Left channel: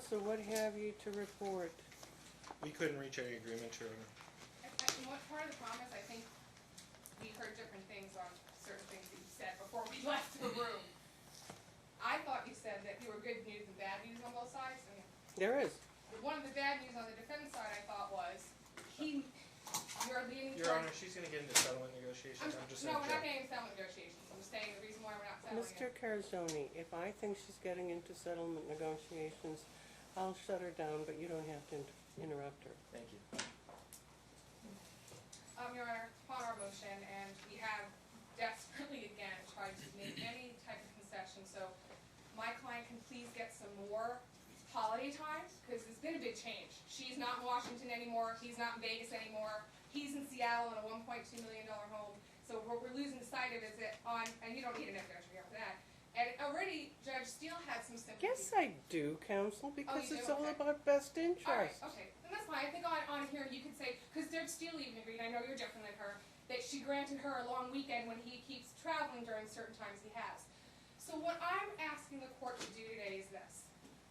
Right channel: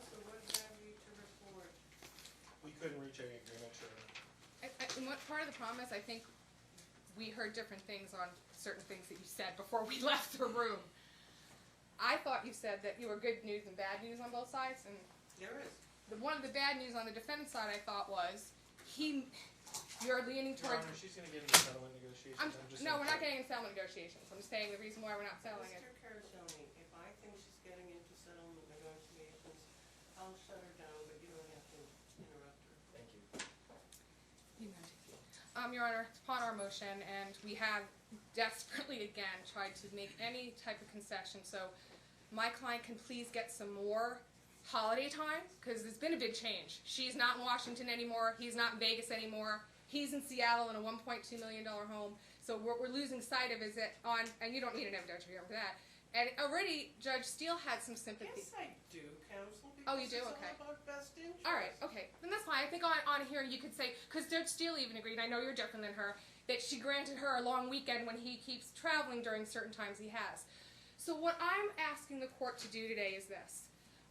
counsel, what have you to report? We couldn't reach any agreement, Your Honor. And what part of the problem is, I think we heard different things on certain things that you said before we left the room. I thought you said that you were good news and bad news on both sides, and There is. one of the bad news on the defendant's side, I thought, was you're leaning Your towards. Honor, she's going to get into settlement negotiations. No, we're not getting into settlement negotiations. I'm saying the reason why we're not settling Mr. it. Carzoni, if I think she's getting into settlement negotiations, I'll shut her down, but you don't have to interrupt her. Thank you. Your Honor, it's upon our motion, and we have desperately again tried to make any type of concession so my client can please get some more holiday time, because it's been a big change. She's not in Washington anymore, he's not in Vegas anymore, he's in Seattle in a $1.2 million home. So what we're losing sight of is that and you don't need an evidentiary hearing for that. And already Judge Steele had some sympathy. Yes, I do, counsel, because do? it's all Okay. about best interest. All right, okay, then that's fine. I think on here you could say, because Judge Steele even agreed, and I know you're different than her, that she granted her a long weekend when he keeps traveling during certain times he has. So what I'm asking the court to do today is this.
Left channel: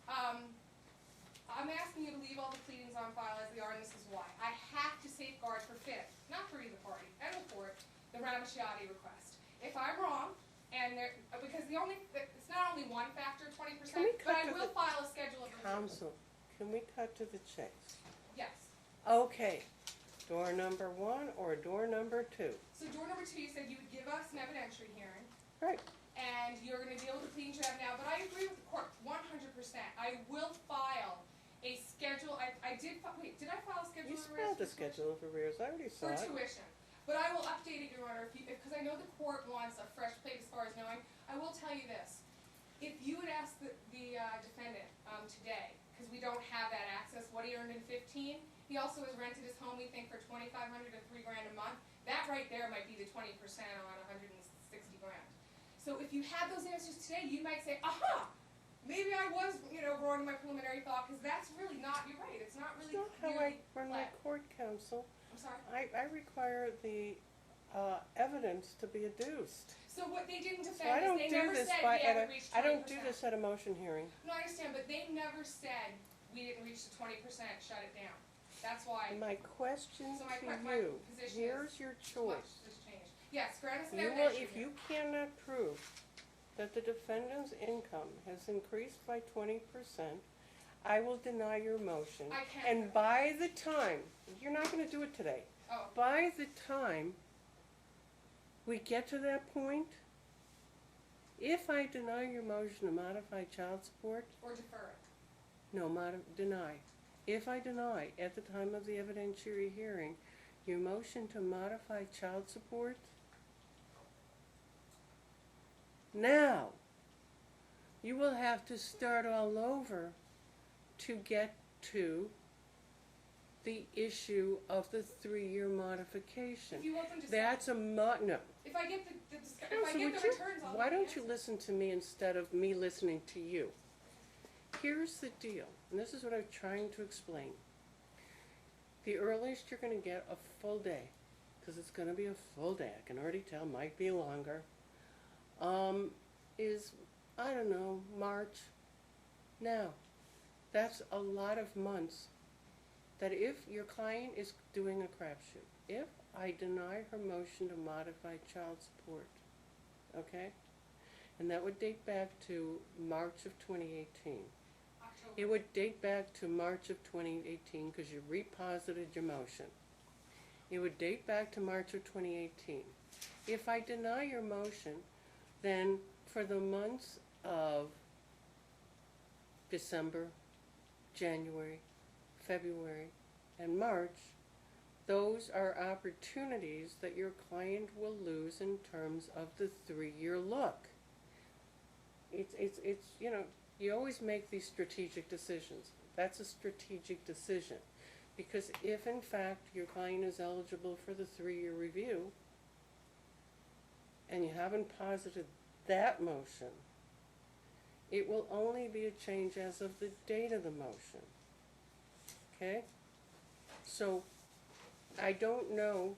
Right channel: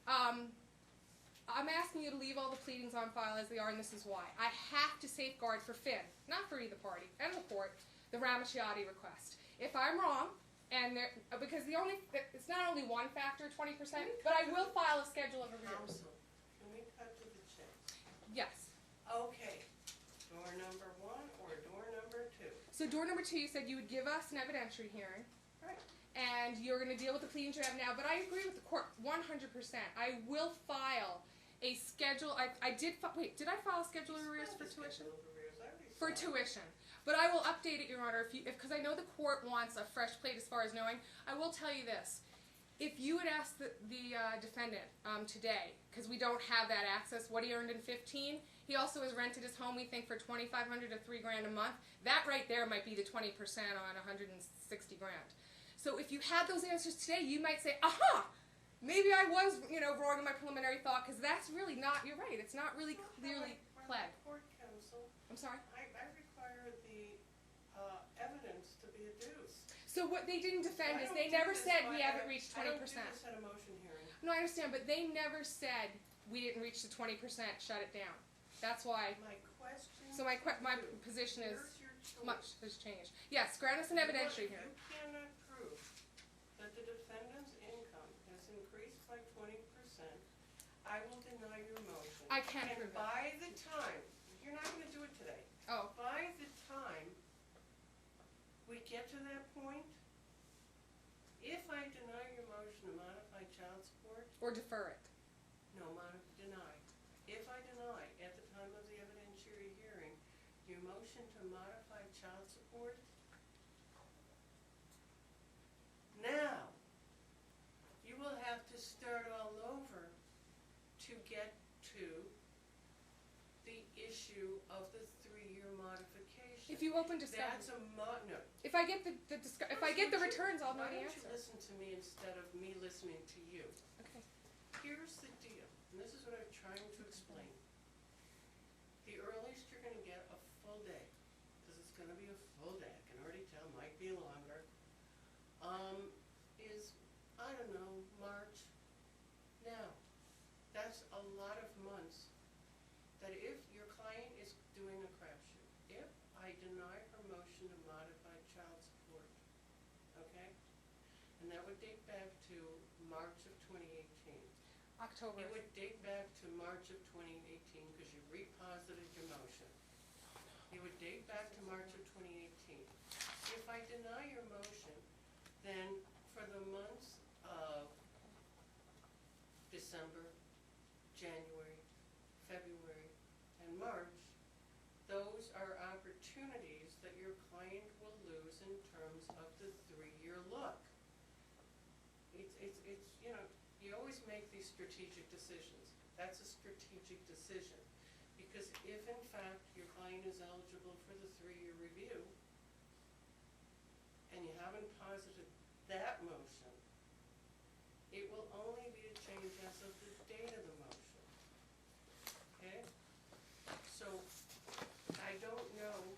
I'm asking you to leave all the pleadings on file as they are, and this is why. I have to safeguard for Finn, not for either party, and the court, the Ramacciati request. If I'm wrong, and because it's not only one factor, 20%, but I will file a schedule of review. Counsel, can we cut to the chase? Yes. Okay, door number 1 or door number 2? So door number 2, you said you would give us an evidentiary hearing, Right. and you're going to deal with the pleadings you have now, but I agree with the court 100%. I will file a schedule. Wait, did I file a schedule You of arrears spelled the for tuition? schedule of arrears, I already saw For it. tuition. But I will update it, Your Honor, because I know the court wants a fresh plate as far as knowing. I will tell you this. If you had asked the defendant today, because we don't have that access, what he earned in 15, he also has rented his home, we think, for $2,500 to $3,000 a month. That right there might be the 20% on $160,000. So if you had those answers today, you might say, aha! Maybe I was, wrong in my preliminary thought, because that's really not, you're right, it's not really clearly We're pled. not court counsel. I'm sorry? I require the evidence to be adduced. So what they didn't So defend is they never said we haven't reached 20%. I don't do this at a motion hearing. No, I understand, but they never said we didn't reach the 20%, shut it down. That's why. My question So to my you, position here's is your much choice. has changed. Yes, grant us an If evidentiary you hearing. cannot prove that the defendant's income has increased by 20%, I will deny your motion. I can't. And by the time, you're not going to do it today, Oh, by the time we get to that point, if I deny your motion to modify child support, or defer it. no, deny. If I deny at the time of the evidentiary hearing your motion to modify child support, now you will have to start all over to get to the issue of the 3-year modification. If you open to That's no. if I get if I get the returns, I'll know Why the don't you answer. listen to me instead of me listening to you? Okay. Here's the deal, and this is what I'm trying to explain. The earliest you're going to get a full day, because it's going to be a full day, I can already tell, might be longer, is, I don't know, March. Now, that's a lot of months that if your client is doing a crapshoot, if I deny her motion to modify child support, okay, and that would date back to March of 2018. October. It would date back to March of 2018 because you reposited your motion. It would date back to March of 2018. If I deny your motion, then for the months of December, January, February, and March, those are opportunities that your client will lose in terms of the 3-year look. It's you always make these strategic decisions. That's a strategic decision. Because if in fact your client is eligible for the 3-year review, and you haven't posited that motion, it will only be a change as of the date of the motion. Okay? So, I don't know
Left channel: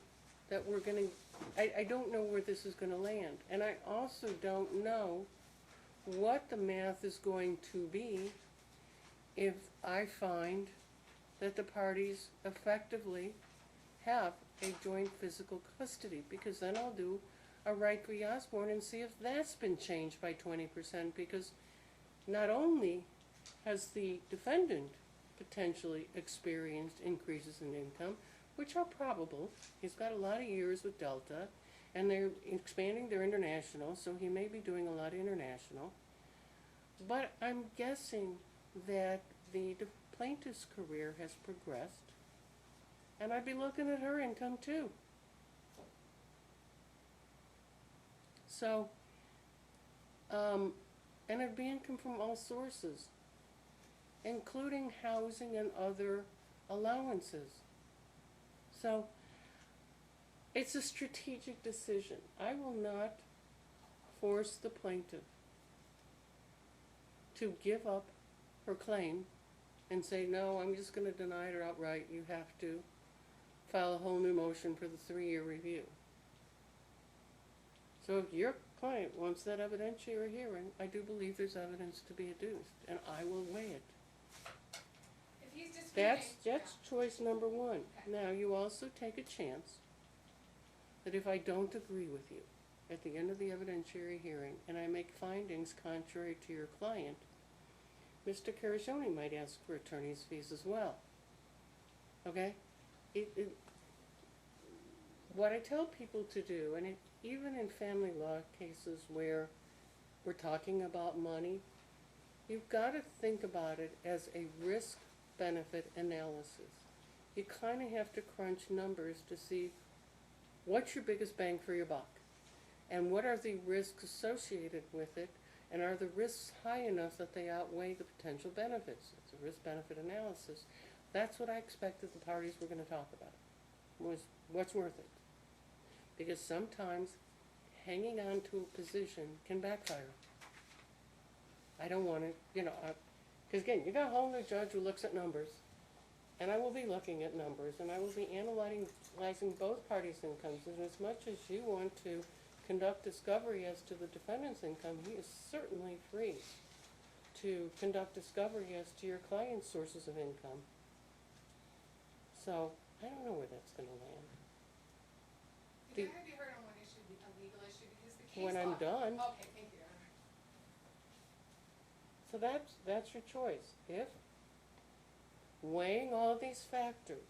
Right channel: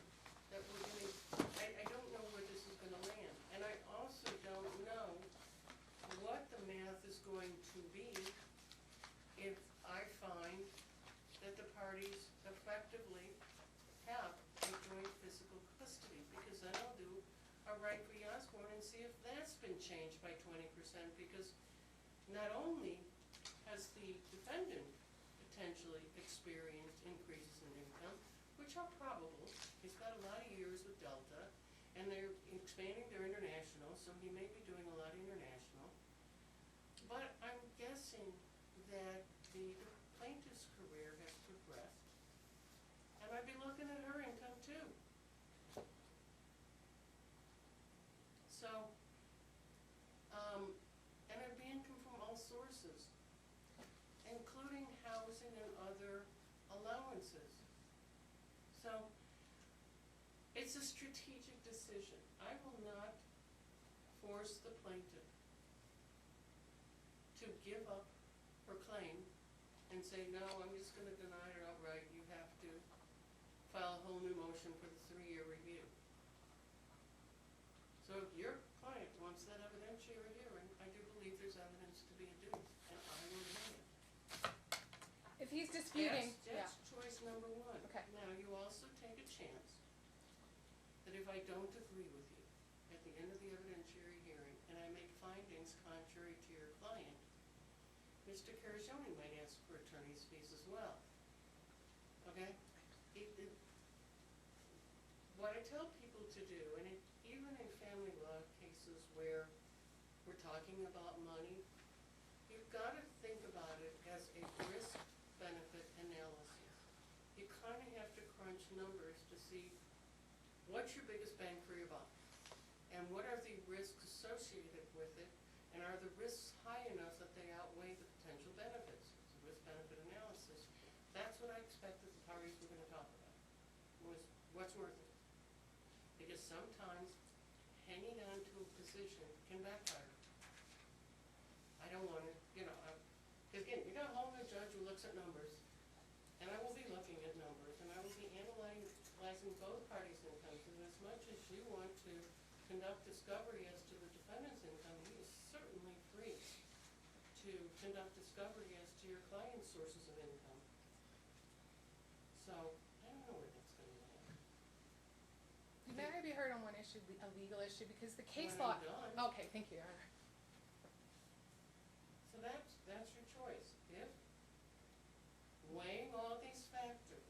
that we're going to, I don't know where this is going to land. And I also don't know what the math is going to be if I find that the parties effectively have a joint physical custody, because then I'll do a right v. Osborne and see if that's been changed by 20%, because not only has the defendant potentially experienced increases in income, which are probable, he's got a lot of years with Delta, and they're expanding their international, so he may be doing a lot of international, but I'm guessing that the plaintiff's career has progressed, and I'd be looking at her income too. So, and it'd be income from all sources, including housing and other allowances. So, it's a strategic decision. I will not force the plaintiff to give up her claim and say, no, I'm just going to deny it outright. You have to file a whole new motion for the 3-year review. So if your client wants that evidentiary hearing, I do believe there's evidence to be adduced, and I will weigh it. If he's disputing, That's choice number one. Okay. Now, you also take a chance that if I don't agree with you at the end of the evidentiary hearing and I make findings contrary to your client, Mr. Carascioni might ask for attorney's fees as well. Okay? What I tell people to do, and even in family law cases where we're talking about money, you've got to think about it as a risk-benefit analysis. You kind of have to crunch numbers to see what's your biggest bang for your buck, and what are the risks associated with it, and are the risks high enough that they outweigh the potential benefits? It's a risk-benefit analysis. That's what I expected the parties were going to talk about, was what's worth it. Because sometimes hanging on to a position can backfire. I don't want to, because again, you got a whole new judge who looks at numbers, and I will be looking at numbers, and I will be analyzing both parties' incomes, and as much as you want to conduct discovery as to the defendant's income, he is certainly free to conduct discovery as to your client's sources of income. So, I don't know where that's going to land. you gotta be heard on one issue, a legal issue, because the case When law. I'm done. Okay, thank you, Your Honor. So that's your choice. If, weighing all these factors,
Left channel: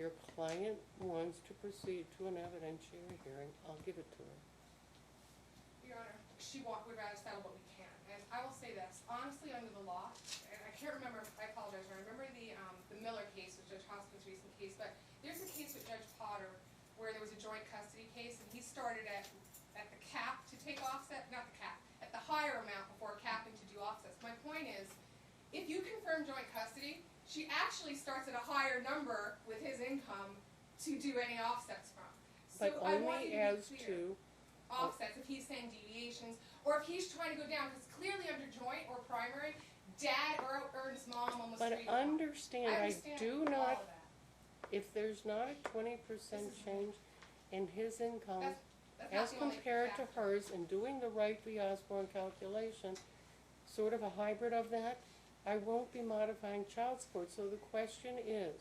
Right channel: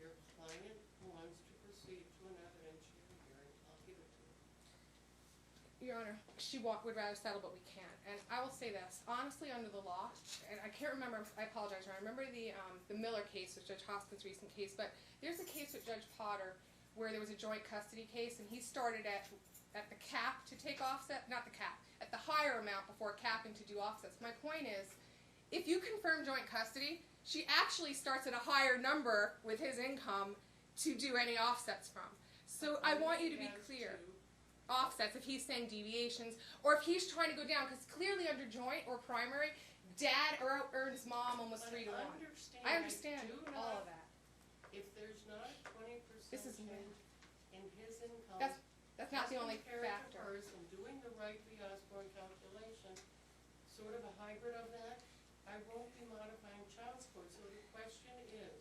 your client wants to proceed to an evidentiary hearing, I'll give it to her. Your Honor, she would rather settle, but we can't. And I will say this, honestly, under the law, and I can't remember, I apologize, I remember the Miller case, was Judge Hoskins' recent case, but there's a case with Judge Potter where there was a joint custody case, and he started at the cap to take offset, not the cap, at the higher amount before capping to do offsets. My point is, if you confirm joint custody, she actually starts at a higher number with his income to do any offsets from. So But I want you only to be as clear. Offsets, if he's saying deviations, or if he's trying to go down, because clearly under joint or primary, dad earns mom almost But 3 grand. understand, I I understand do all not, of that. if there's not a 20% This is- change in his income That's not as the only compared to factor. hers, and doing the right v. Osborne calculation, sort of a hybrid of that, I won't be modifying child support. So the question is,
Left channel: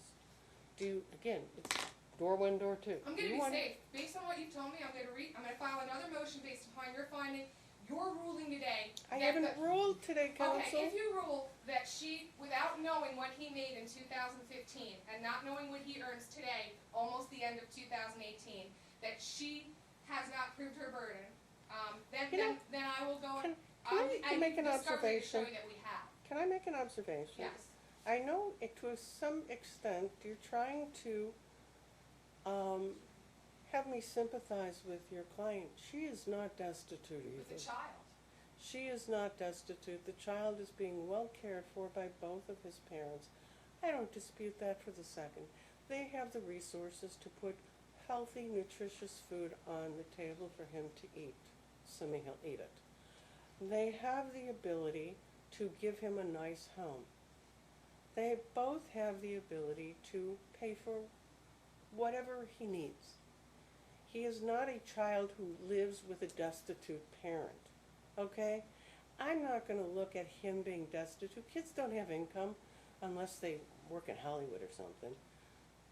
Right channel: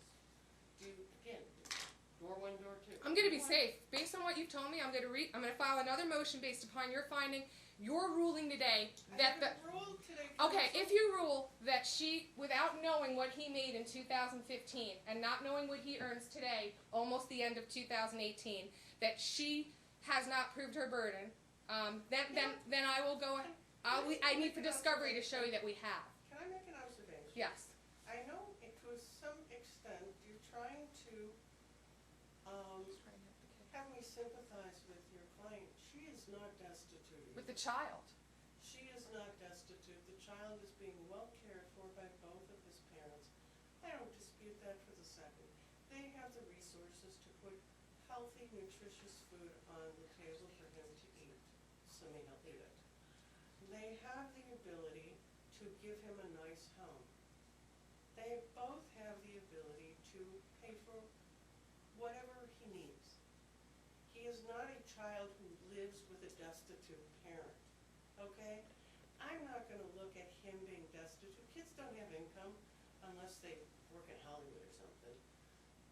again, it's door 1, door 2. I'm going to be safe. Based on what you've told me, I'm going to file another motion based upon your finding, your ruling today. I haven't ruled today, counsel. Okay, if you rule that she, without knowing what he made in 2015 and not knowing what he earns today, almost the end of 2018, that she has not proved her burden, then I will go. I need the discovery to show you that we have. Can I make an observation? Yes. I know to some extent you're trying to have me sympathize with your client. She is not destitute either. With the child. She is not destitute. The child is being well cared for by both of his parents. I don't dispute that for the second. They have the resources to put healthy, nutritious food on the table for him to eat, assuming he'll eat it. They have the ability to give him a nice home. They both have the ability to pay for whatever he needs. He is not a child who lives with a destitute parent, okay? I'm not gonna look at him being destitute. Kids don't have income unless they work in Hollywood or something.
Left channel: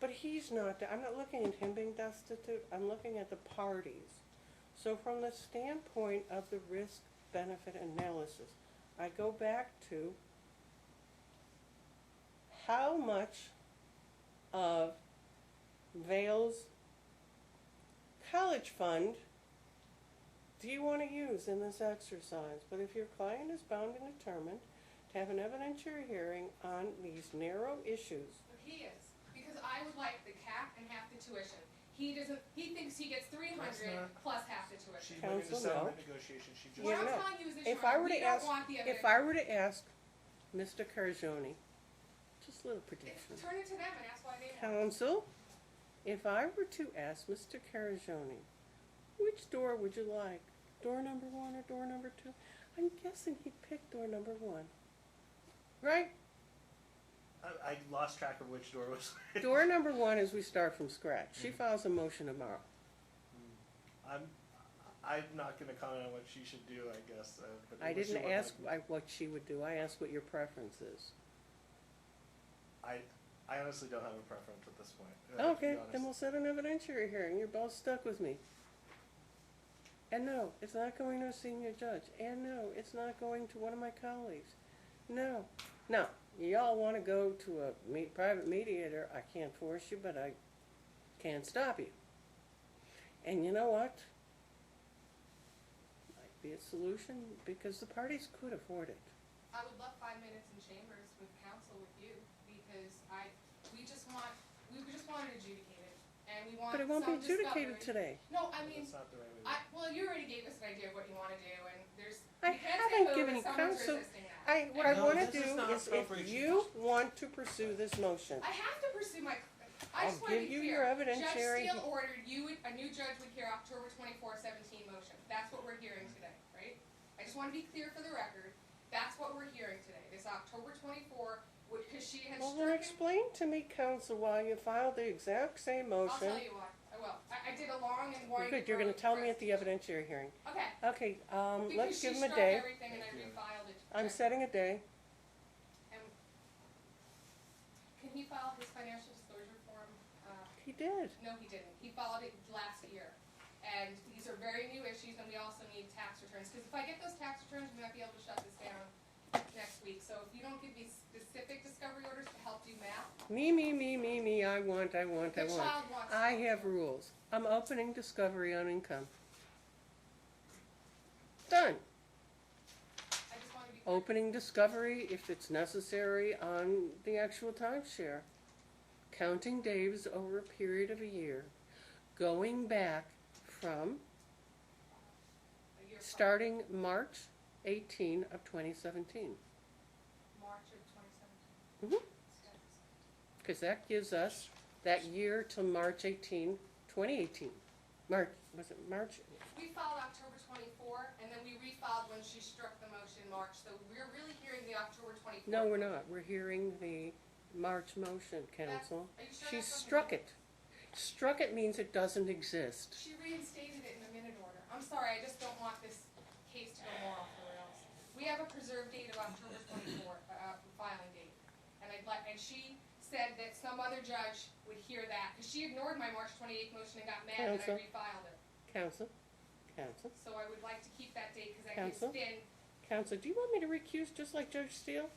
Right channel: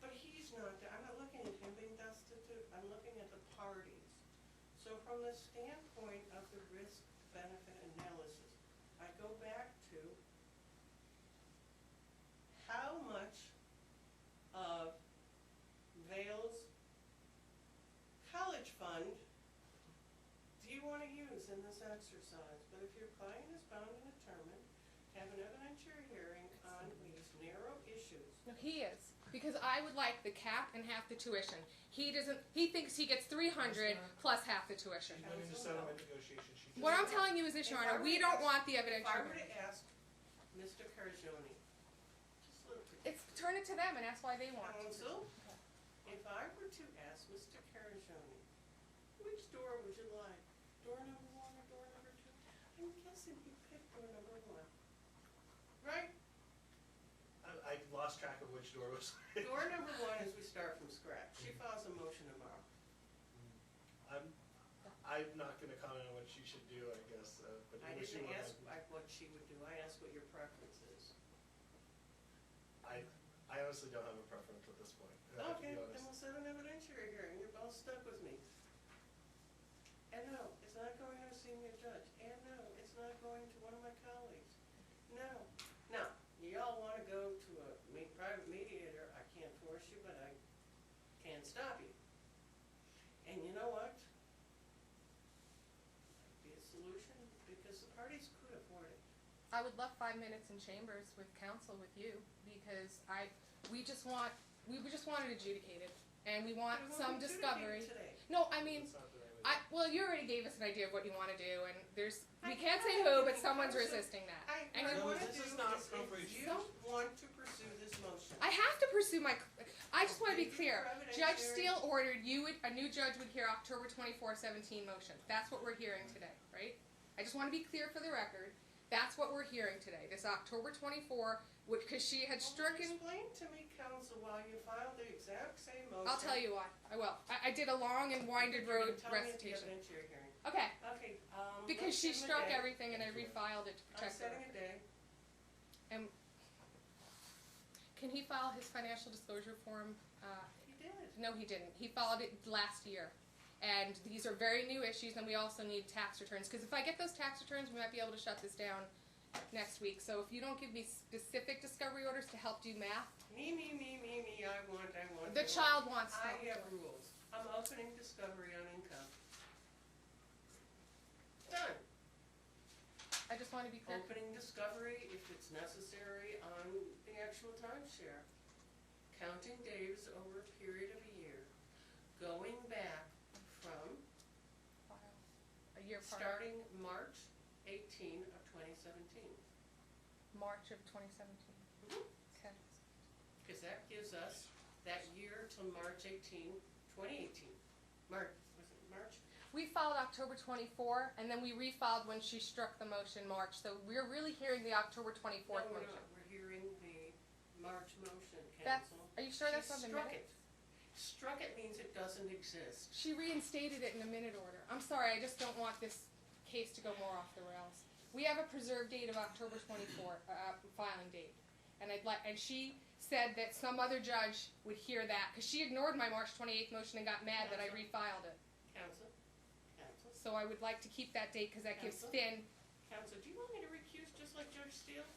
But he's not, I'm not looking at him being destitute, I'm looking at the parties. So from the standpoint of the risk-benefit analysis, I go back to how much of Vale's college fund do you want to use in this exercise? But if your client is bound and determined to have an evidentiary hearing on these narrow issues, No, he is, because I would like the cap and half the tuition. He doesn't, he thinks he gets 300 plus half the tuition. She went into Counsel, settlement no. negotiations, she just. What I'm no. telling you is this, If Your I Honor, were we to don't ask- want the evidence. if I were to ask Mr. Cargione, just a little prediction. Turn it to them and ask why they want it. Counsel, if I were to ask Mr. Cargione, which door would you like? Door number 1 or door number 2? I'm guessing he'd pick door number 1. Right? I lost track of which door was. Door number 1 is we start from scratch. She files a motion tomorrow. I'm not gonna comment on what she should do, I guess, but. I what she didn't would ask like. what she would do. I asked what your preference is. I honestly don't have a preference at this point. to Okay, be then we'll honest. set an evidentiary hearing. You're both stuck with me. And no, it's not going to a senior judge. And no, it's not going to one of my colleagues. No. No, y'all want to go to a private mediator, I can't force you, but I can't stop you. And you know what? Might be a solution because the parties could afford it. I would love 5 minutes in chambers with counsel with you, because we just want it adjudicated, and we want But it won't some be adjudicated discovery. today. No, I mean, That's not the right way to do it. well, you already gave us an idea of what you wanna do, and there's, I we can't say haven't who, given but someone's counsel- resisting that. What I No, want to this do is not is if appropriate. you want to pursue this motion, I have to pursue my, I just I'll wanna give be you your clear. Judge evidentiary- Steele ordered a new judge would hear October 24, 17 motion. That's what we're hearing today, right? I just wanna be clear for the record. That's what we're hearing today, this October 24, because she had well, then stricken. explain to me, counsel, why you filed the exact same motion. I'll tell you why, I will. I did a long and winding road. Good, you're going to tell me at the recitation. evidentiary hearing. Okay, Okay, because let's she give him a struck day. everything and I refiled it to I'm protect it. setting a day. And can he file his financial disclosure form? He did. No, he didn't. He filed it last year. And these are very new issues, and we also need tax returns. Because if I get those tax returns, we might be able to shut this down next week. So if you don't give me specific discovery orders to help do math, Me, I want. the child wants. I have rules. I'm opening discovery on income. Done. I just want to be clear. Opening discovery, if it's necessary, on the actual timeshare. Counting days over a period of a year. Going back from A year prior. starting March 18 of 2017. March of 2017. Mhm. Okay. Because that gives us that year till March 18, 2018. March, was it March? We filed October 24, and then we refiled when she struck the motion March. So we're really hearing the October 24. No, we're not. We're hearing the March motion, counsel. Are you sure She that's on the struck minute? it. Struck it means it doesn't exist. She reinstated it in a minute order. I'm sorry, I just don't want this case to go more off the rails. We have a preserved date of October 24, filing date. And and she said that some other judge would hear that, because she ignored my March 28th motion and got mad that I Counsel? refiled it. Counsel? So I would like to keep that date, because that gives Counsel? Finn. Counsel, do you want me to recuse just like Judge Steele?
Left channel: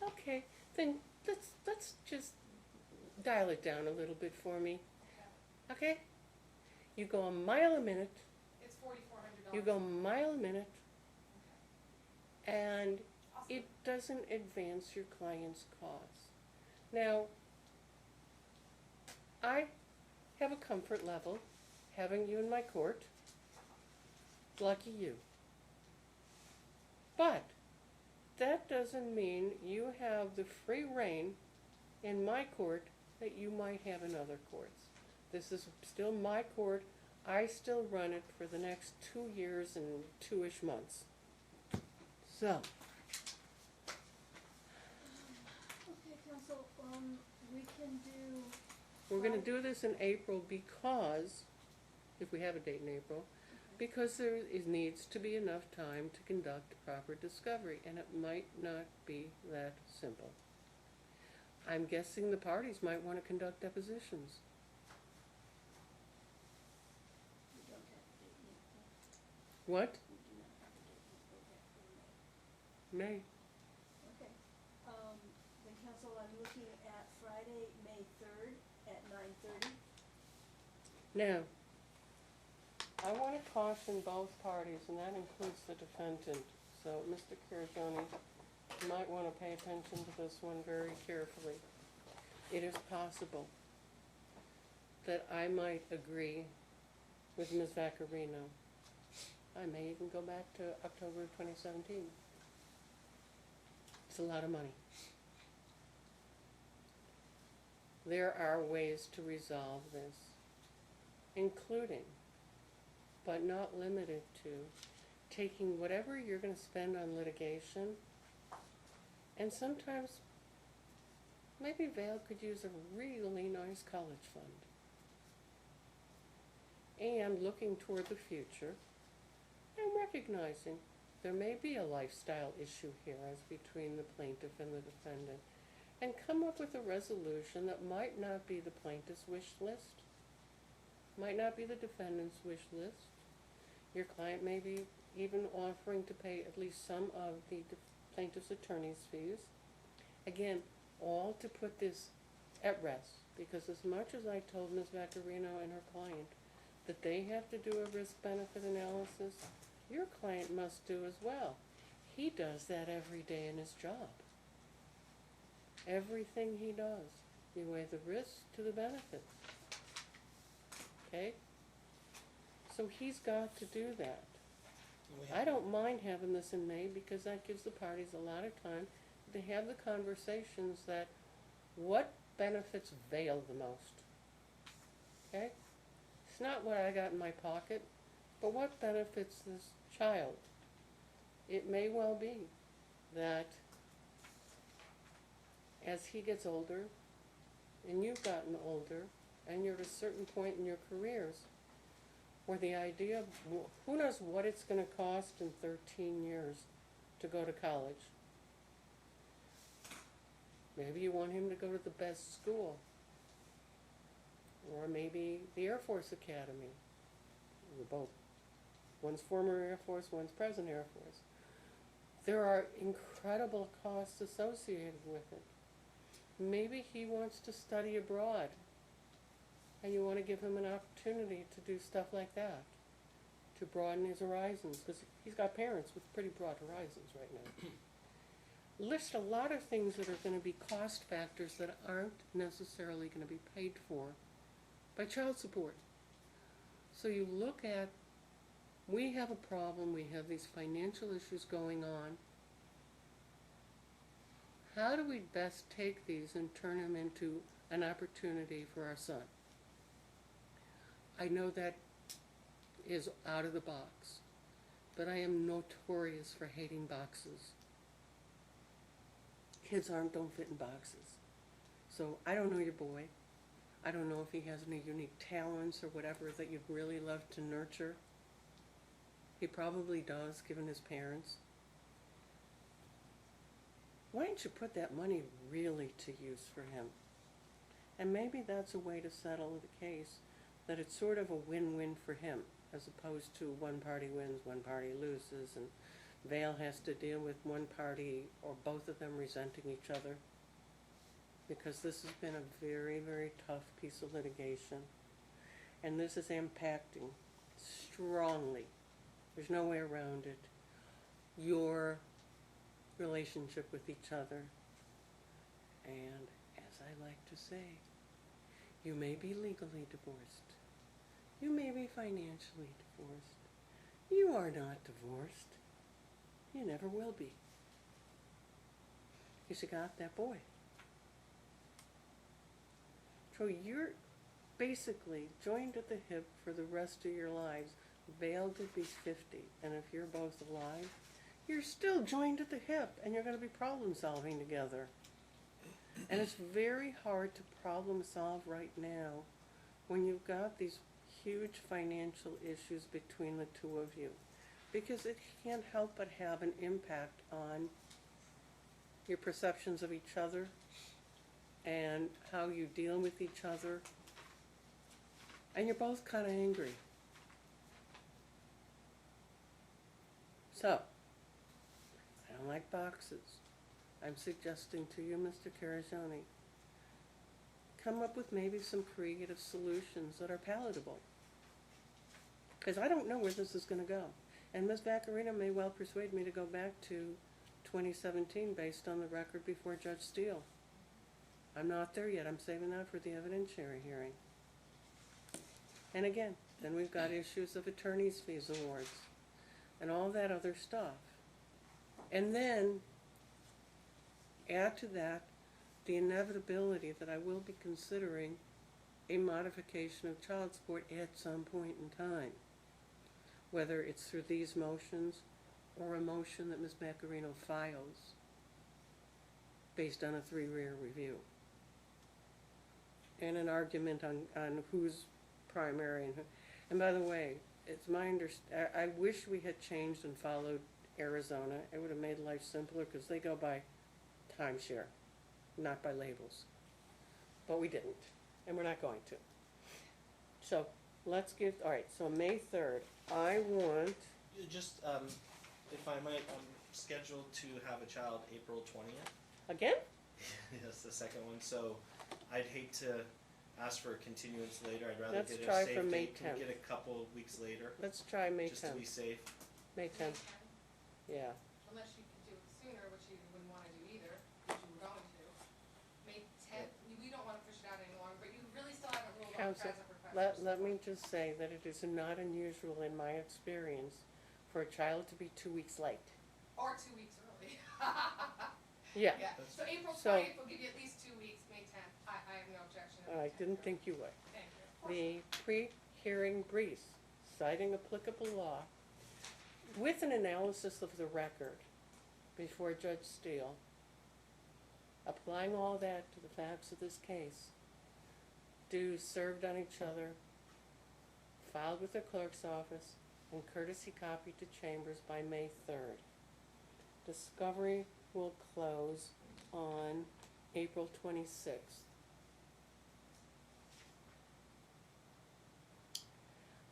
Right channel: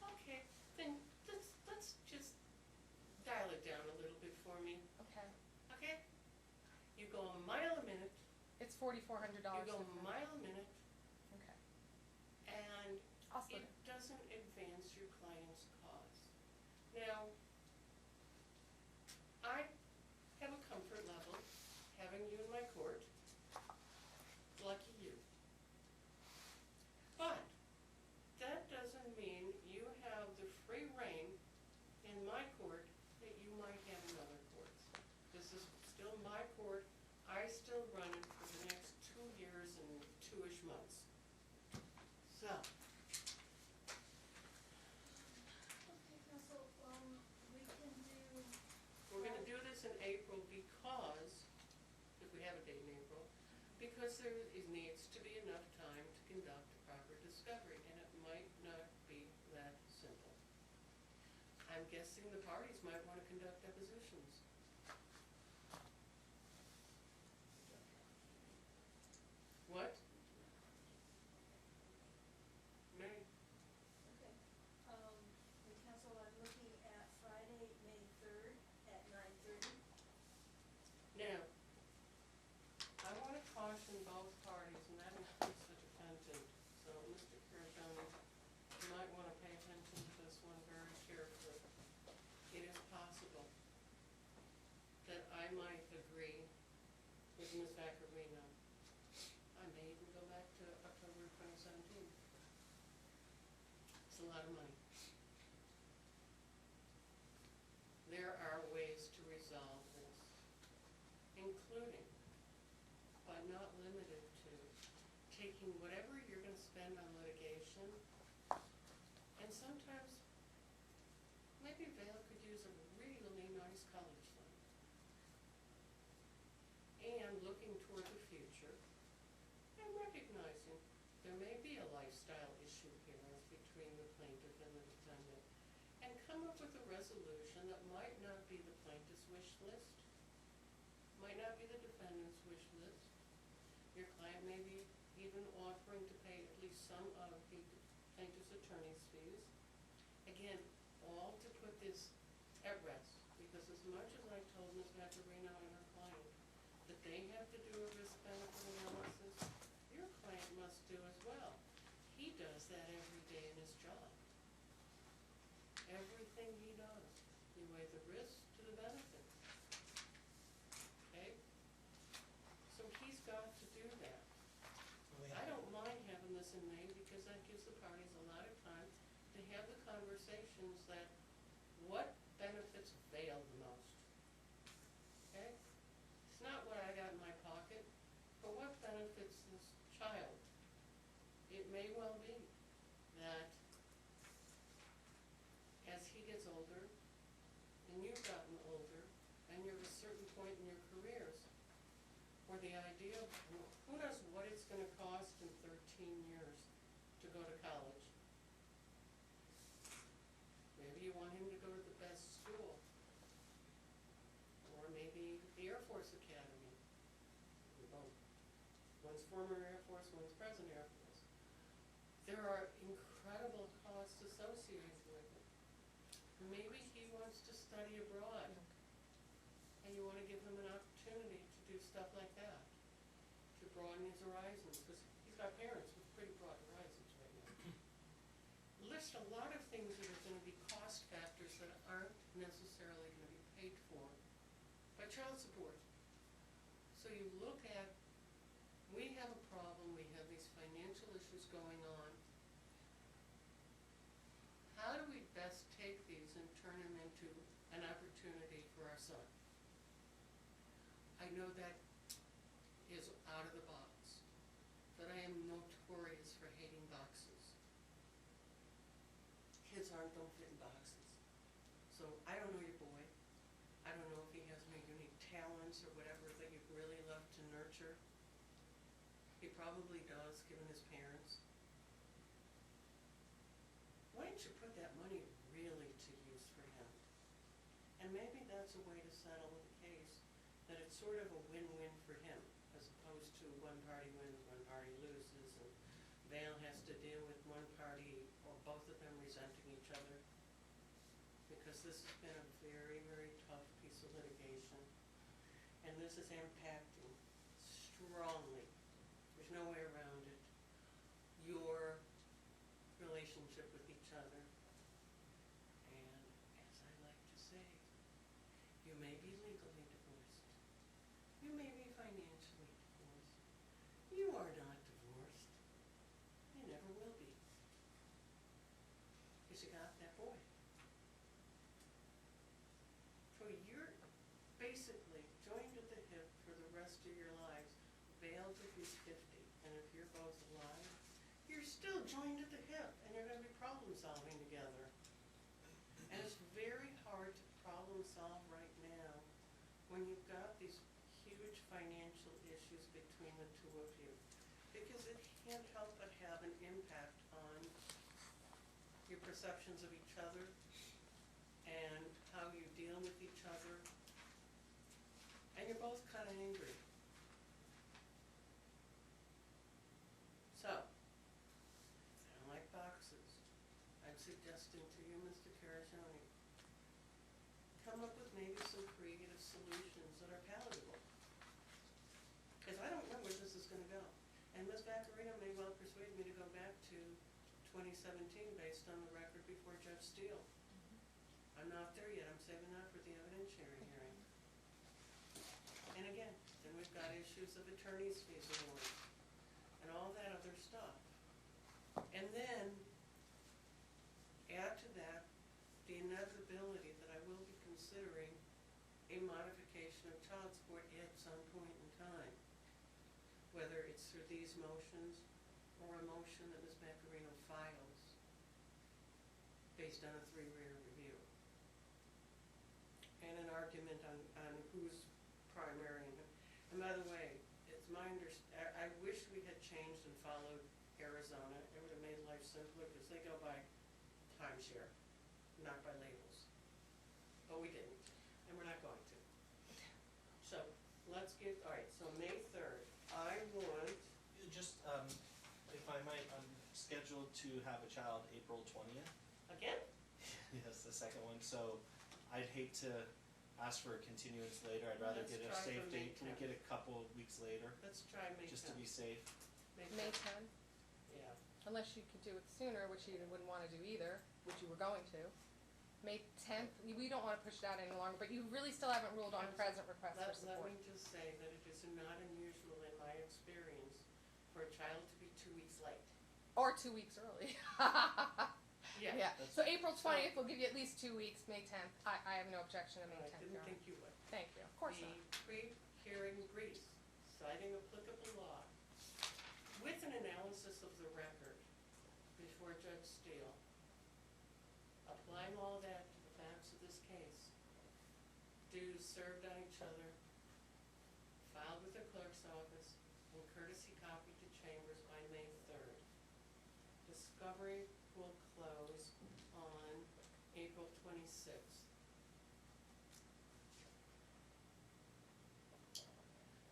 No. Okay, then let's just dial it down a little bit for me, Okay. okay? You go a mile a minute, It's $4,400. you go a mile a minute, Okay. and Awesome. it doesn't advance your client's cause. Now, I have a comfort level having you in my court. Lucky you. But that doesn't mean you have the free reign in my court that you might have in other courts. This is still my court. I still run it for the next 2 years and 2-ish months. So, Okay, counsel, we can do, we're gonna do this in April because, if we have a date in April, Because needs to be enough time to conduct proper discovery, and it might not be that simple. I'm guessing the parties might want to conduct depositions. We don't have a date yet, though. What? We do not have a date before that for May. May. Okay, then council, I'm looking at Friday, May 3rd at 9:30. Now, I want to caution both parties, and that includes the defendant. So, Mr. Caragoni, you might want to pay attention to this one very carefully. It is possible that I might agree with Ms. Vaccarino. I may even go back to October of 2017. It's a lot of money. There are ways to resolve this, including, but not limited to, taking whatever you're going to spend on litigation, and sometimes maybe Vale could use a really nice college fund. And looking toward the future, and recognizing there may be a lifestyle issue here as between the plaintiff and the defendant, and come up with a resolution that might not be the plaintiff's wish list, might not be the defendant's wish list. Your client may be even offering to pay at least some of the plaintiff's attorney's fees. Again, all to put this at rest, because as much as I told Ms. Vaccarino and her client that they have to do a risk-benefit analysis, your client must do as well. He does that every day in his job. Everything he does, you weigh the risk to the benefits. Okay? So he's got to do that. I don't mind having this in May, because that gives the parties a lot of time to have the conversations that what benefits Vale the most. Okay? It's not what I got in my pocket, but what benefits this child. It may well be that as he gets older, and you've gotten older, and you're at a certain point in your careers, where the idea of, who knows what it's going to cost in 13 years to go to college. Maybe you want him to go to the best school, or maybe the Air Force Academy, or both. One's former Air Force, one's present Air Force. There are incredible costs associated with it. Maybe he wants to study abroad, and you want to give him an opportunity to do stuff like that, to broaden his horizons, because he's got parents with pretty broad horizons right now. List a lot of things that are going to be cost factors that aren't necessarily going to be paid for by child support. So you look at, we have a problem, we have these financial issues going on. How do we best take these and turn them into an opportunity for our son? I know that is out of the box, but I am notorious for hating boxes. Kids don't fit in boxes. So I don't know your boy. I don't know if he has any unique talents or whatever that you'd really love to nurture. He probably does, given his parents. Why don't you put that money really to use for him? And maybe that's a way to settle the case, that it's sort of a win-win for him, as opposed to one party wins, one party loses, and Vale has to deal with one party or both of them resenting each other. Because this has been a very, very tough piece of litigation. And this is impacting strongly, there's no way around it, your relationship with each other. And as I like to say, you may be legally divorced. You may be financially divorced. You are not divorced. You never will be. Because you got that boy. So you're basically joined at the hip for the rest of your lives. Vale to be 50, and if you're both alive, you're still joined at the hip, and you're going to be problem solving together. And it's very hard to problem solve right now when you've got these huge financial issues between the two of you, because it can't help but have an impact on your perceptions of each other and how you deal with each other. And you're both kind of angry. So, I don't like boxes. I'm suggesting to you, Mr. Carajoni, come up with maybe some creative solutions that are palatable. Because I don't know where this is going to go. And Ms. Vaccarino may well persuade me to go back to 2017 based on the record before Judge Steele. I'm not there yet. I'm saving that for the evidentiary hearing. And again, then we've got issues of attorney's fees awards and all that other stuff. And then add to that the inevitability that I will be considering a modification of child support at some point in time, whether it's through these motions or a motion that Ms. Vaccarino files based on a 3-year review, and an argument on who's primary and who. And by the way, it's my I wish we had changed and followed Arizona. It would have made life simpler because they go by timeshare, not by labels. But we didn't, and we're not going to. So let's give, all right, so May 3rd, I want, Just, if I might, I'm scheduled to have a child April 20th. again? That's the second one, so I'd hate to ask for a continuance later. I'd rather Let's get a try safe for May date. Can we 10th. get a couple of weeks later, Let's try May just to 10th. be safe? May May 10th, 10, yeah. unless you could do it sooner, which you wouldn't wanna do either, which you were going to. May 10th, we don't wanna push it out any longer, but you really still haven't ruled on Counsel, present request for Let me support. just say that it is not unusual in my experience for a child to be 2 weeks late. Or 2 weeks early. Yeah. Yeah, so April So- 20th will give you at least 2 weeks, May 10th, I have no objection to May I 10th. didn't Your think you would. Honor. Thank you, of course The not. pre-hearing briefs citing applicable law with an analysis of the record before Judge Steele, applying all that to the facts of this case, dues served on each other, filed with the clerk's office, and courtesy copied to Chambers by May 3rd. Discovery will close on April 26th.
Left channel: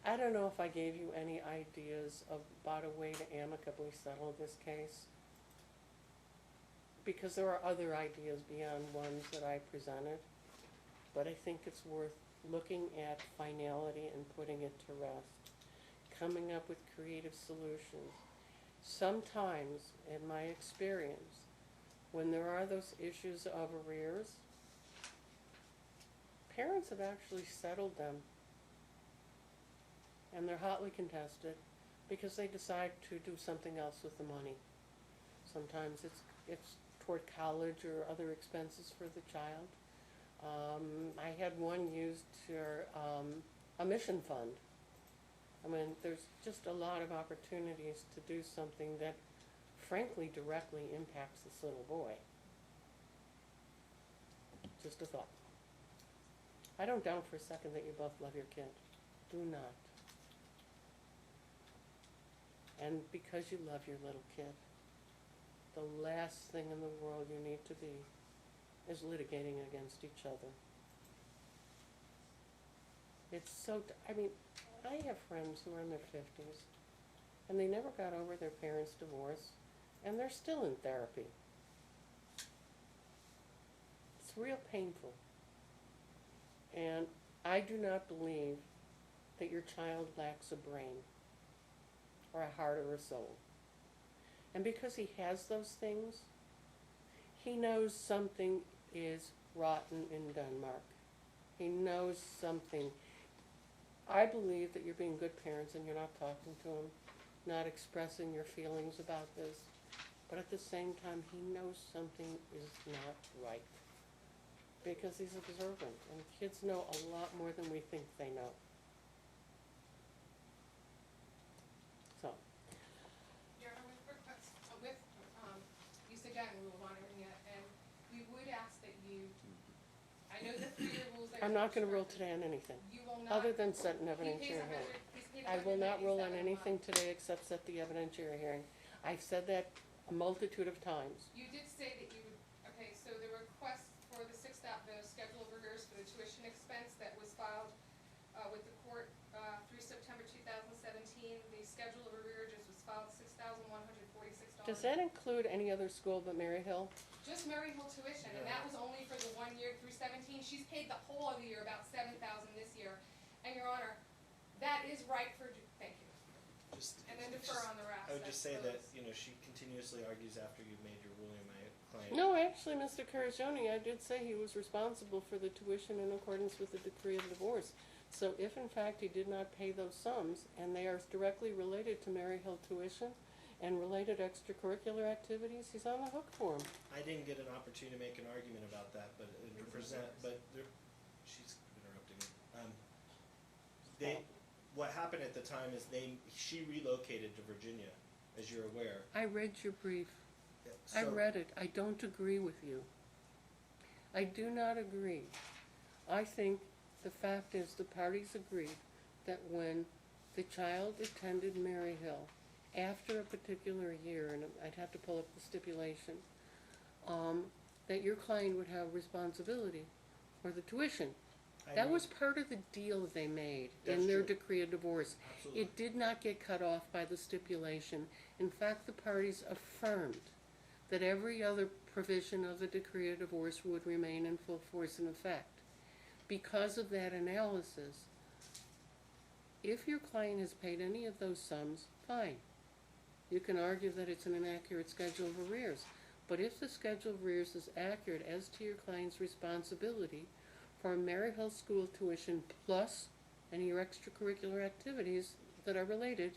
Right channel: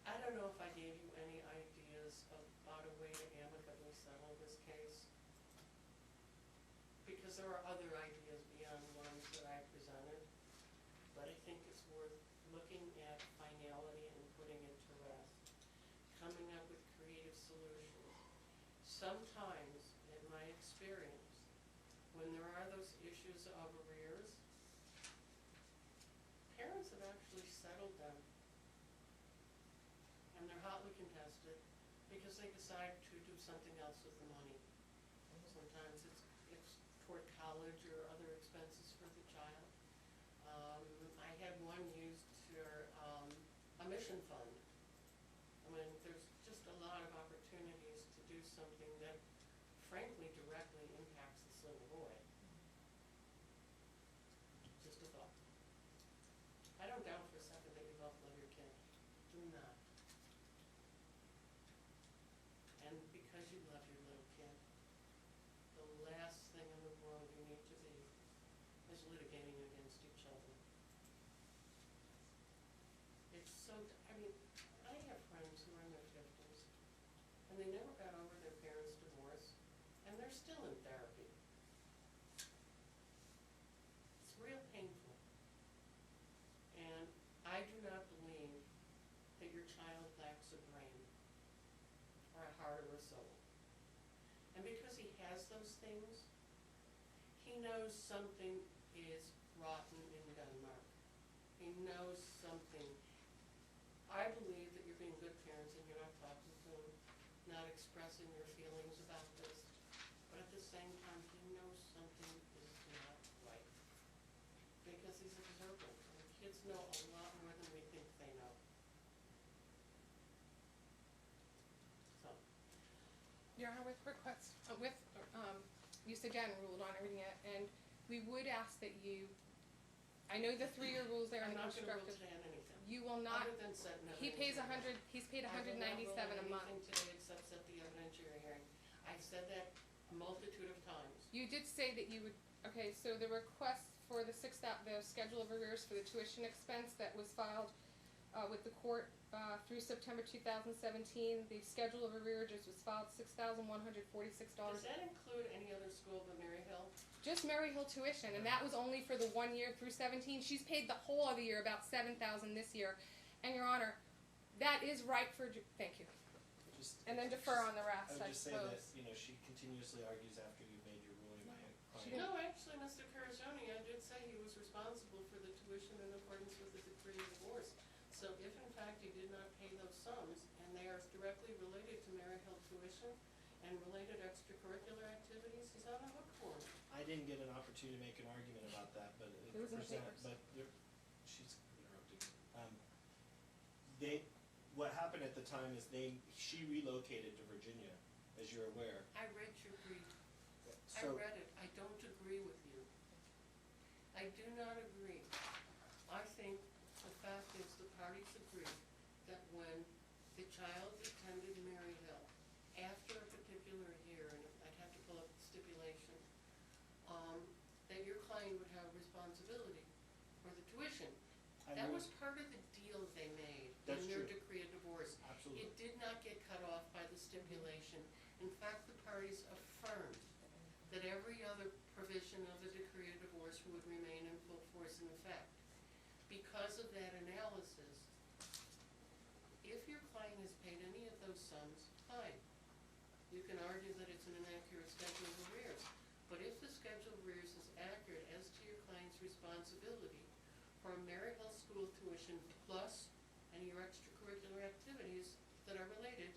I don't know if I gave you any ideas about a way to amicably settle this case, because there are other ideas beyond ones that I presented, but I think it's worth looking at finality and putting it to rest, coming up with creative solutions. Sometimes, in my experience, when there are those issues of arrears, parents have actually settled them, and they're hotly contested because they decide to do something else with the money. Sometimes it's toward college or other expenses for the child. I had one used for a mission fund. I mean, there's just a lot of opportunities to do something that frankly directly impacts this little boy. Just a thought. I don't doubt for a second that you both love your kid. Do not. And because you love your little kid, the last thing in the world you need to be is litigating against each other. It's so, I mean, I have friends who are in their 50s, and they never got over their parents' divorce, and they're still in therapy. It's real painful. And I do not believe that your child lacks a brain, or a heart, or a soul. And because he has those things, he knows something is rotten in Denmark. He knows something. I believe that you're being good parents and you're not talking to him, not expressing your feelings about this. But at the same time, he knows something is not right. Because he's observant, and kids know a lot more than we think they know. So, Your Honor, with request, you again ruled on everything, and we would ask that you I know the 3-year rules there. I'm are not gonna rule restricted. today on anything, You will not, other than set an he pays evidentiary hearing. he's paid I will not rule on $197 a anything month. today except set the evidentiary hearing. I've said that a multitude of times. You did say that you would, okay, so the request for the the schedule of arrears for the tuition expense that was filed, with the court, through September 2017, the schedule of arrears was filed $6,146. Does that include any other school but Mary Hill? Just Murray Hill tuition, and that was only for the 1 year through 17. She's paid the whole of the year, about $7,000 this year. And Your Honor, that is right for, thank you. Just, And then defer on the rest, I would I just say that, suppose. you know, she continuously argues after you've made your ruling, my client. No, actually, Mr. Carajoni, I did say he was responsible for the tuition in accordance with the decree of divorce. So if in fact he did not pay those sums, and they are directly related to Mary Hill tuition and related extracurricular activities, he's on the hook for them. I didn't get an opportunity to make an argument about that, but Rules and present, papers. but there, she's interrupting me. What happened at the time is she relocated to Virginia, as you're aware. I read your brief. I So- read it. I don't agree with you. I do not agree. I think the fact is the parties agreed that when the child attended Mary Hill after a particular year, and I'd have to pull up the stipulation, that your client would have responsibility for the tuition. I That agree. was part of the deal they made in That's their true. decree of divorce. Absolutely. It did not get cut off by the stipulation. In fact, the parties affirmed that every other provision of the decree of divorce would remain in full force and effect. Because of that analysis, if your client has paid any of those sums, fine. You can argue that it's an inaccurate schedule of arrears. But if the schedule of arrears is accurate as to your client's responsibility for Mary Hill School tuition plus any of your extracurricular activities that are related,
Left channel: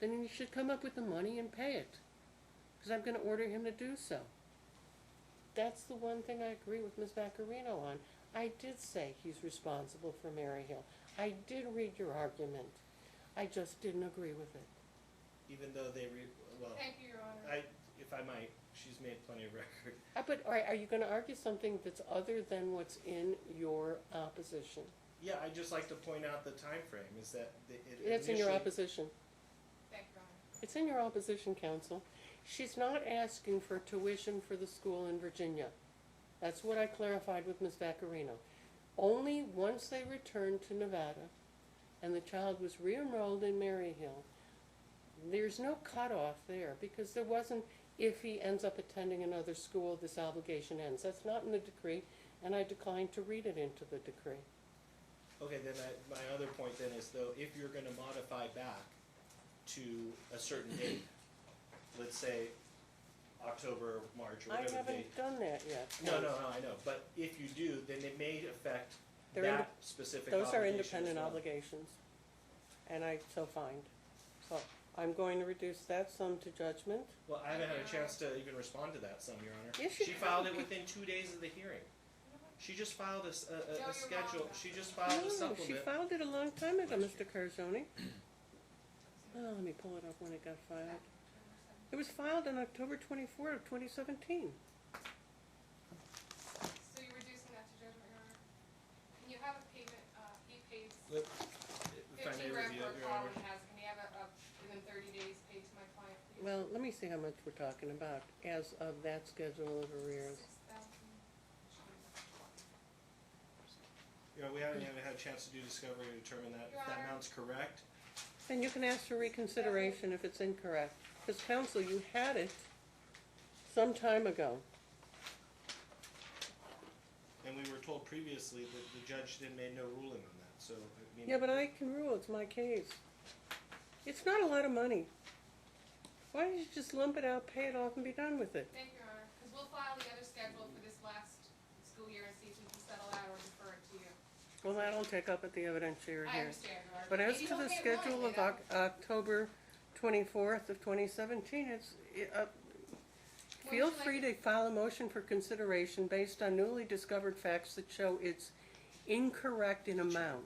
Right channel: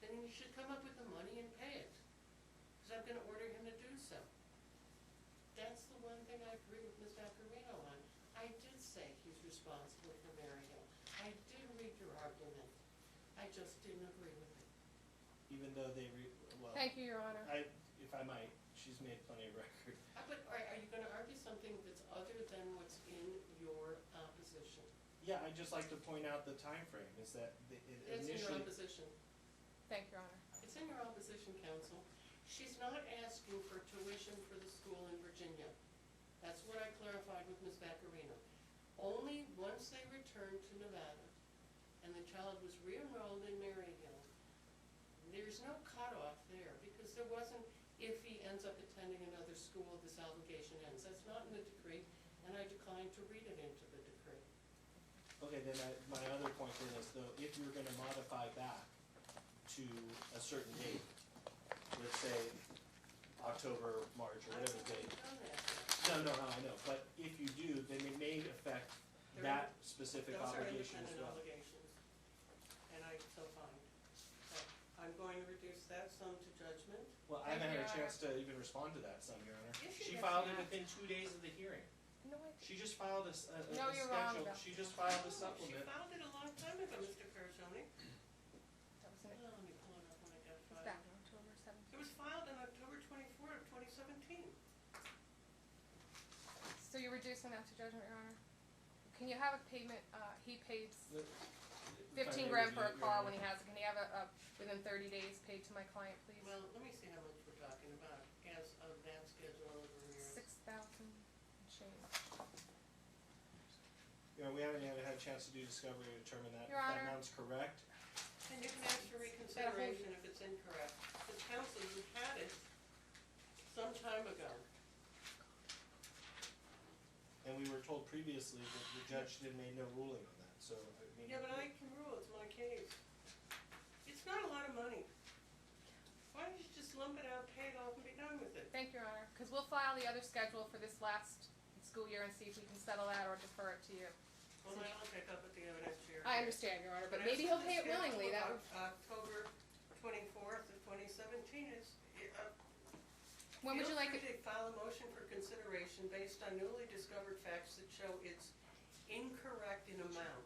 then you should come up with the money and pay it. Because I'm gonna order him to do so. That's the one thing I agree with Ms. Vaccarino on. I did say he's responsible for Mary Hill. I did read your argument. I just didn't agree with it. Even though well, Thank you, Your Honor. if I might, she's made plenty of record. But are you gonna argue something that's other than what's in your opposition? Yeah, I'd just like to point out the time frame is that It's in your initially- opposition. Thank you, Your Honor. It's in your opposition, counsel. She's not asking for tuition for the school in Virginia. That's what I clarified with Ms. Vaccarino. Only once they returned to Nevada and the child was re-enrolled in Mary Hill, there's no cutoff there because there wasn't, if he ends up attending another school, this obligation ends. That's not in the decree, and I declined to read it into the decree. Okay, then my other point then is though, if you're gonna modify back to a certain date, let's say October, March, or I whatever date. haven't done that yet. No, I know, but if you do, then they may affect They're that specific Those are obligation independent as well. obligations, and I so find. So I'm going to reduce that sum to judgment. Well, I haven't had a chance to even respond to that, Your Honor. Yes, you She have. filed it within 2 days of the hearing. You know what? She just filed a No, you're wrong, schedule, though. she just filed a No, supplement. she filed it a long time ago, Mr. Carjoni. That was in Oh, let me pull it up when it got filed. October 7th. It was filed on October 24th of 2017. So you're reducing that to judgment, Your Honor? Can you have a payment, he pays If I may 15 grand review for a it, Your call Honor. when he has it. Can you have it within 30 days paid to my client, please? Well, let me see how much we're talking about as of that schedule of arrears. 6,000. You know, we haven't even had a chance to do discovery to determine that, if Your that Honor. amount's correct. And you can ask for reconsideration if it's incorrect. Because counsel, you had it some time ago. And we were told previously that the judge made no ruling on that, so, I mean. Yeah, but I can rule, it's my case. It's not a lot of money. Why don't you just lump it out, pay it off, and be done with it? Thank you, Your Honor, because we'll file the other schedule for this last school year and see if we can settle that or defer it to you. Well, that'll take up at the evidentiary I hearing. understand, Your Honor, But as maybe to he'll the pay it schedule willingly, of that would- October 24th of 2017, When would feel you like free it? to file a motion for consideration based on newly discovered facts that show it's incorrect in amount.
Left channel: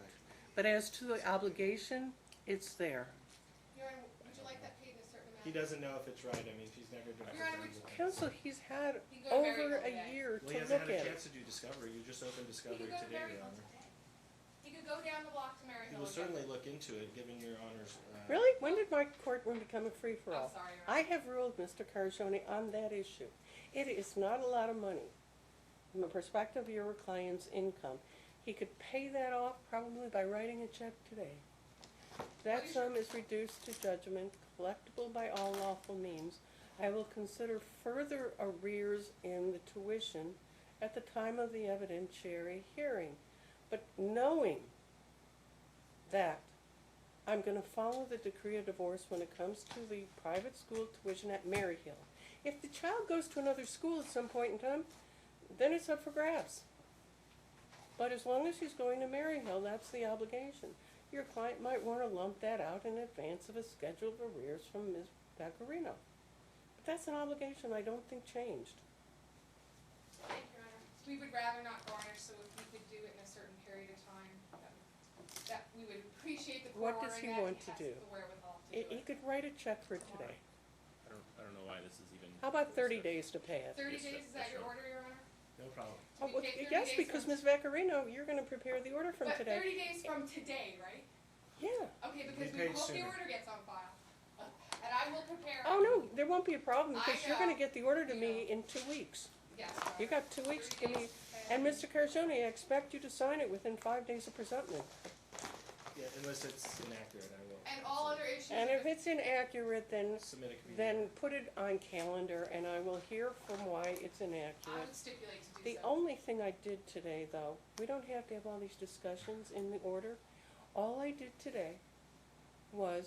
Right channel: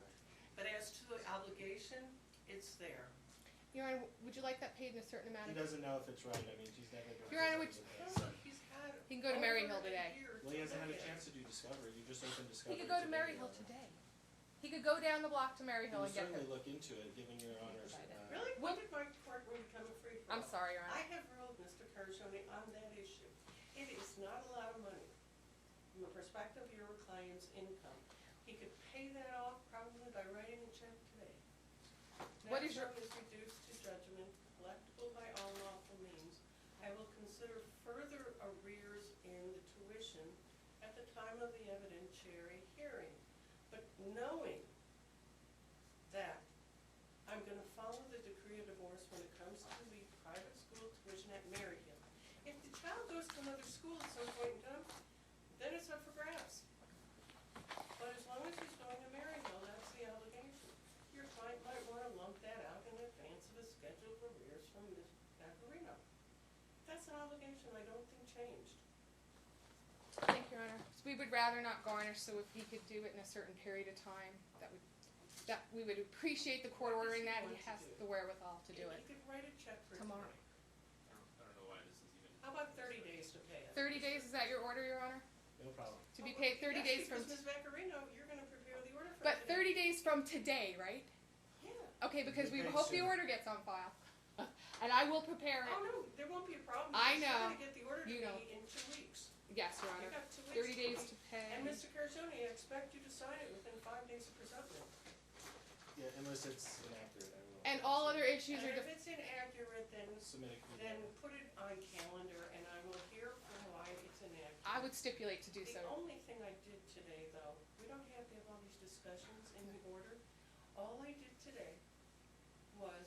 But as to the obligation, it's there. Your Honor, would you like that paid in a certain amount? He doesn't know if it's right, I mean, she's never done it. Your Honor, would Counsel, he's had You can go to Maryhill over a today. year Well, to he hasn't look had a at it. chance to do discovery, you just opened He discovery could go to today, Your Maryhill Honor. today. He could go down the block to He Maryhill will and get certainly it. look into it, given Your Honor's, Really? When did my courtroom become a I'm free-for-all? sorry, Your I Honor. have ruled Mr. Carcione on that issue. It is not a lot of money. From the perspective of your client's income, he could pay that off probably by writing a check today. That What is your- sum is reduced to judgment, collectible by all lawful means. I will consider further arrears in the tuition at the time of the evidentiary hearing. But knowing that I'm gonna follow the decree of divorce when it comes to the private school tuition at Maryhill. If the child goes to another school at some point in time, then it's up for grabs. But as long as he's going to Maryhill, that's the obligation. Your client might wanna lump that out in advance of a schedule of arrears from Ms. Vaccarino. But that's an obligation I don't think changed. Thank you, Your Honor. We would rather not garnish, so if he could do it in a certain period of time, that we would appreciate the court What does ordering he that. want He to has do? the wherewithal to He do it. could write a check for Come on. today. I don't know why this is even. How about 30 days to pay it? 30 days, is that your order, Your Honor? no problem. To be Oh, paid 30 yes, days because from... Ms. Vaccarino, you're gonna prepare the order from But today. 30 days from today, right? Yeah. Okay, because Be we paid hope the sooner. order gets on file. And I will prepare it. Oh, no, there won't be a problem, I because you're know. gonna get the order to You me know. in 2 weeks. Yes, Your Honor. You got 2 weeks 30 to days me. to pay. And Mr. Carcione, I expect you to sign it within 5 days of presentment. Yeah, unless it's inaccurate, I will. And all other issues And are if it's inaccurate, then, Submit a community. then put it on calendar, and I will hear from why it's I inaccurate. would stipulate to do The so. only thing I did today, though, we don't have to have all these discussions in the order. All I did today was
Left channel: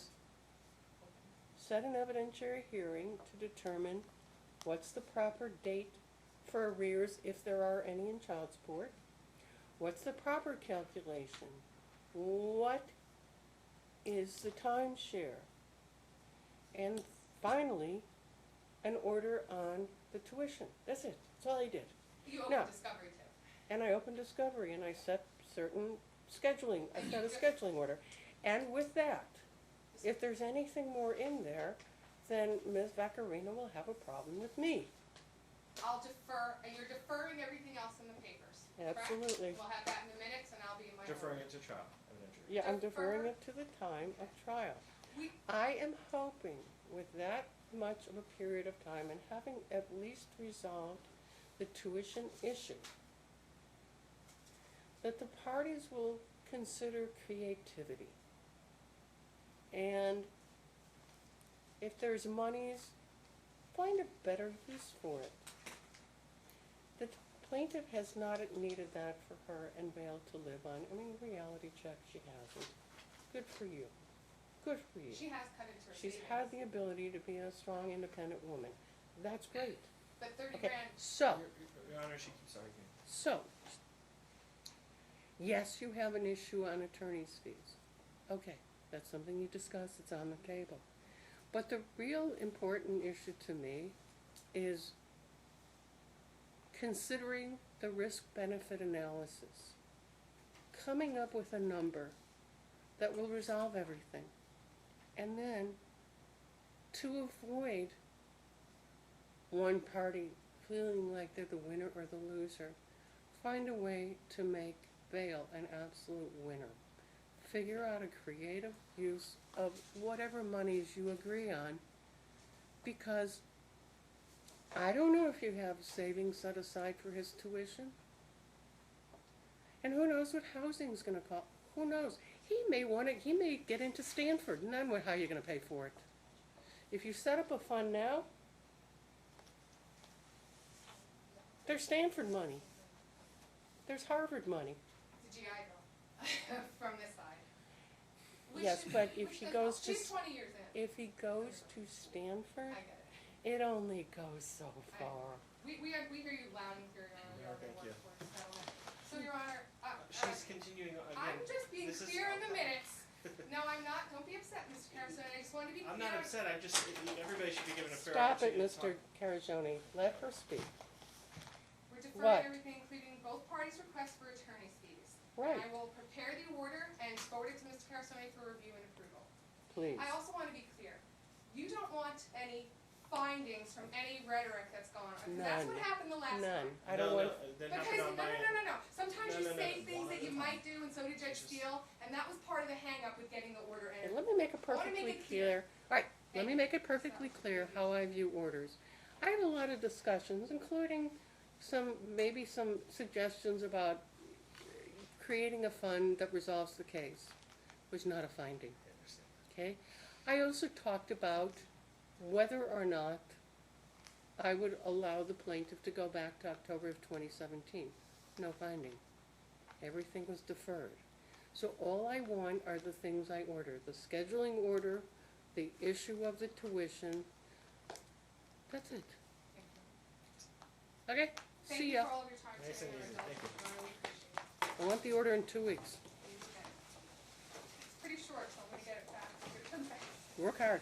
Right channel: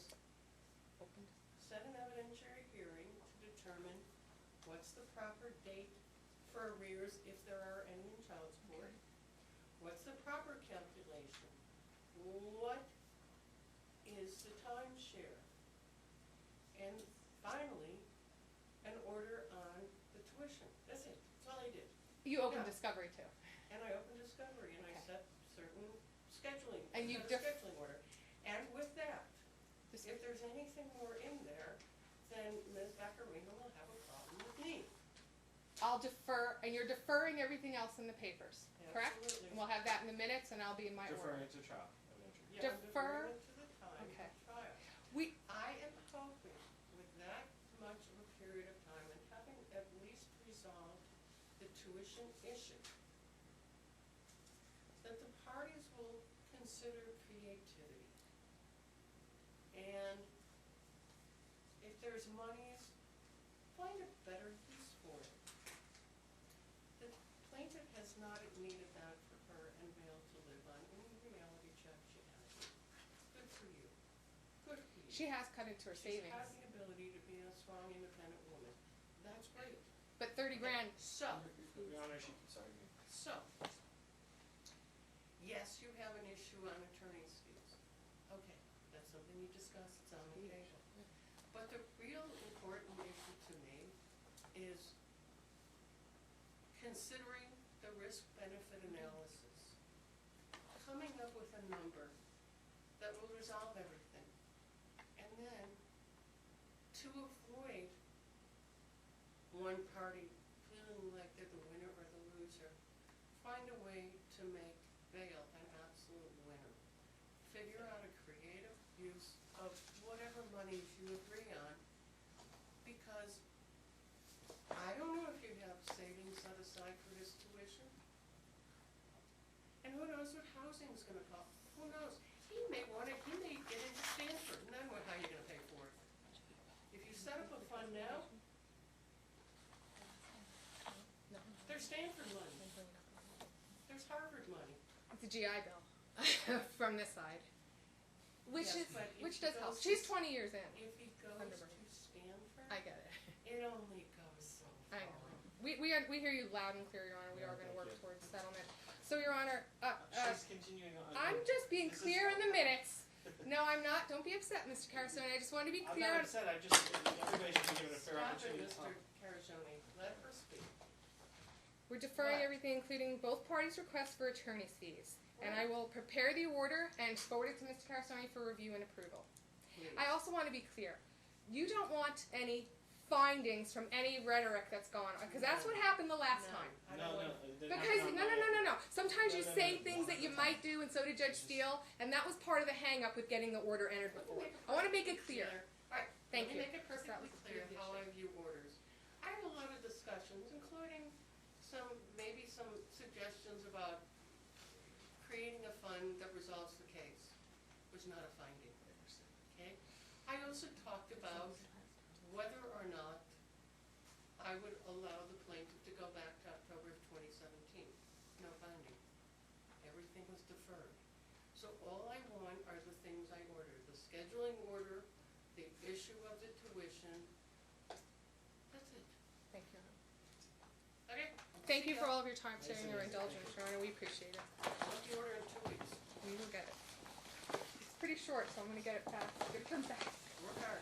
set an evidentiary hearing to determine what's the proper date for arrears if there are any in child support. What's the proper calculation? What is the timeshare? And finally, an order on the tuition. That's it. That's all I did. You open No. discovery too. And I opened discovery and I set certain scheduling, I And set you a def- scheduling order. And with that, if there's anything more in there, then Ms. Vaccarino will have a problem with me. I'll defer, and you're deferring everything else in the papers, correct? Absolutely. We'll have that in the minutes and I'll be in my Deferring order. it to trial, evidentiary. Yeah, I'm deferring Defer- it to the time of trial. We, I am hoping with that much of a period of time and having at least resolved the tuition issue, that the parties will consider creativity. And if there's monies, find a better use for it. The plaintiff has not needed that for her and Vale to live on. I mean, reality check, she hasn't. Good for you. Good for you. she has cut into her She's savings. had the ability to be a strong, independent woman. That's great. But 30 Okay, grand, so, Your Honor, she keeps arguing. so, yes, you have an issue on attorney's fees. Okay, that's something you discussed, it's on the table. But the real important issue to me is considering the risk-benefit analysis, coming up with a number that will resolve everything, and then to avoid one party feeling like they're the winner or the loser, find a way to make Vale an absolute winner. Figure out a creative use of whatever monies you agree on, because I don't know if you have savings set aside for his tuition. And who knows what housing's gonna cost, who knows? He may get into Stanford, and then how are you gonna pay for it? If you set up a fund now, there's Stanford money, there's Harvard money. it's a GI Bill from this side. Which Yes, is- but if which he does goes help. to She's 20 years in. If he goes to Stanford, I get it. it only goes so I- far. We hear you loud and clear, Your Honor. We Yeah, are going to thank work you. towards settlement. So, Your Honor, She's continuing on. I'm just being This is- clear in the minutes. No, I'm not. Don't be upset, Mr. Carson. I just want to be I'm clear. not upset, I'm just, everybody should be given a fair Stop it, opportunity to Mr. talk. Carajone, let her speak. We're deferring What? everything, including both parties' requests for attorney's fees. And I Right. will prepare the order and forward it to Mr. Carsoni for review and approval. Please. I also wanna be clear, you don't want any findings from any rhetoric that's gone on, cause that's None. what happened the last time. None. I don't want, that Because, happened no, on no, my no, no, no, sometimes No, you no, say no, things one that at you a time. might do, and so did Judge Steele, and that was part of the hang-up with getting the order entered. let me make it I wanna make perfectly it clear. clear. Alright, let Thank me you. make it perfectly clear how I view orders. I had a lot of discussions, including maybe some suggestions about creating a fund that resolves the case. Was not a finding, okay? I also talked about whether or not I would allow the plaintiff to go back to October of 2017. No finding. Everything was deferred. So all I want are the things I ordered, the scheduling order, the issue of the tuition. That's it. Thank you. Okay? Thank See you ya. for all of your time Nice today and your and easy. Thank indulgence, you. Your Honor, we appreciate it. I want the order in 2 weeks. You will get it. It's pretty short, so I'm gonna get it fast. It comes back. Work hard.